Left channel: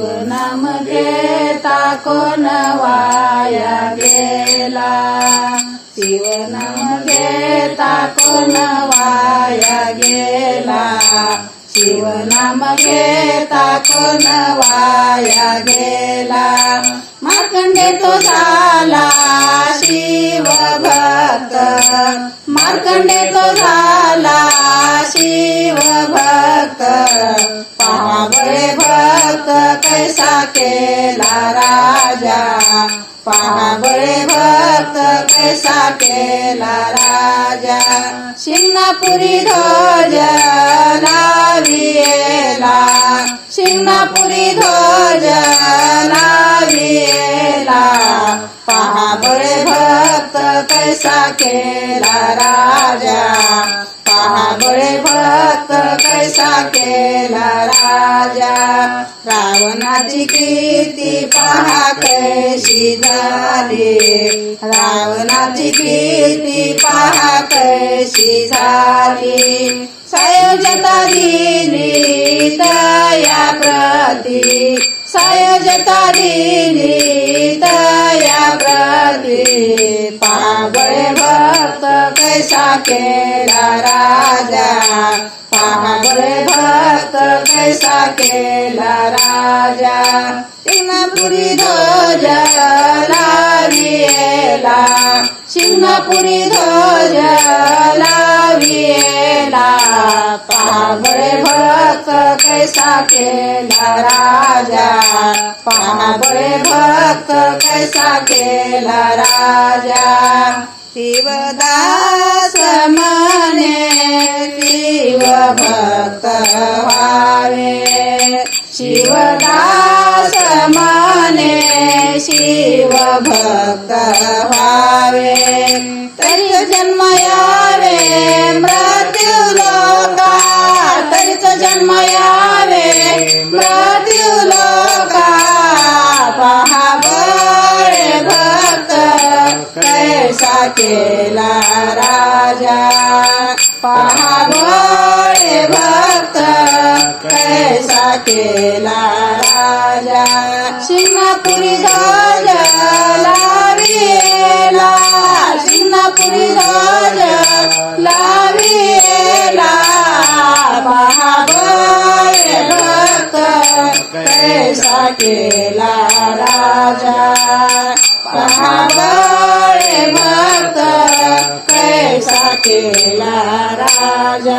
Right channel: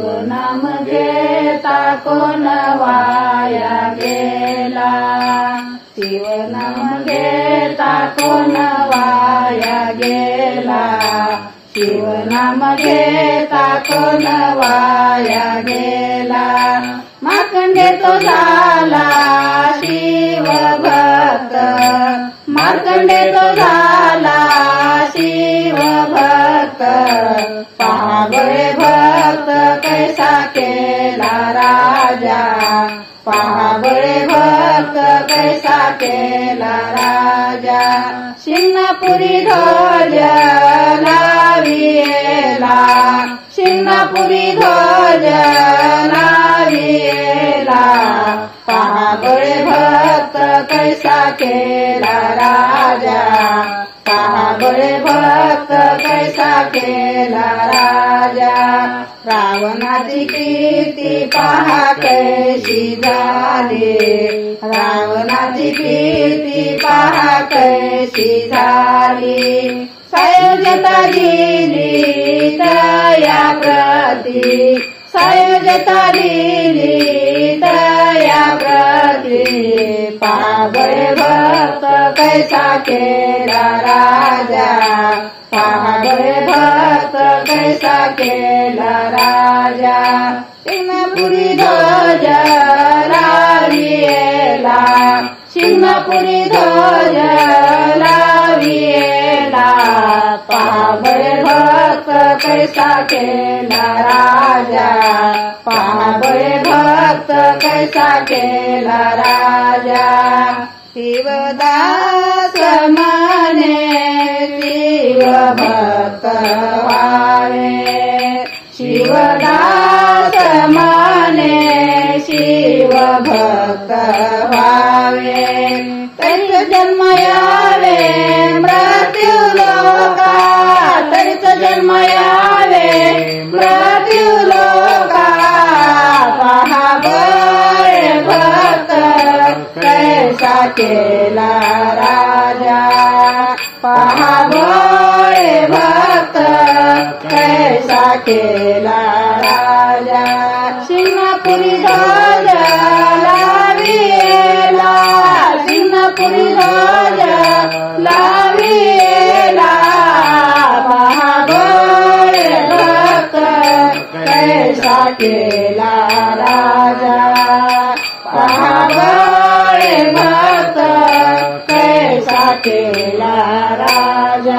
शिवनाम घेता कोण वाया गेला, शिवनाम घेता कोण वाया गेला, शिवनाम घेता कोण वाया गेला। मार्कंडे तो झाला शिव भक्त, मार्कंडे तो झाला शिव भक्त, पहा बळे भक्त कैसा केला राजा, पहा बळे भक्त कैसा केला राजा। सिंगापुरी ध्वज लाविला, सिंगापुरी ध्वज लाविला, पहा बळे भक्त कैसा केला राजा, पहा बळे भक्त कैसा केला राजा। रावणाची कीर्ती पहा कैसी झाली, रावणाची कीर्ती पहा कैसी झाली। सायोजता दिली दया प्रती, सायोजता दिली दया प्रती, पहा बळे भक्त कैसा केला राजा, पहा बळे भक्त कैसा केला राजा। सिंगापुरी ध्वज लाविला, सिंगापुरी ध्वज लाविला, पहा बळे भक्त कैसा केला राजा, पहा बळे भक्त कैसा केला राजा। शिवदास म्हणे शिव भक्त व्हावे, शिवदास म्हणे शिव भक्त व्हावे, तरीच जन्म यावे मृत्यू लोका, तरीच जन्म यावे मृत्यू लोका, पहा बळे भक्त कैसा केला राजा, पहा बळे भक्त कैसा केला राजा। सिंगापुरी ध्वज लाविला, सिंगापुरी ध्वज लाविला, पहा बळे भक्त कैसा केला राजा, पहा बळे भक्त कैसा केला राजा।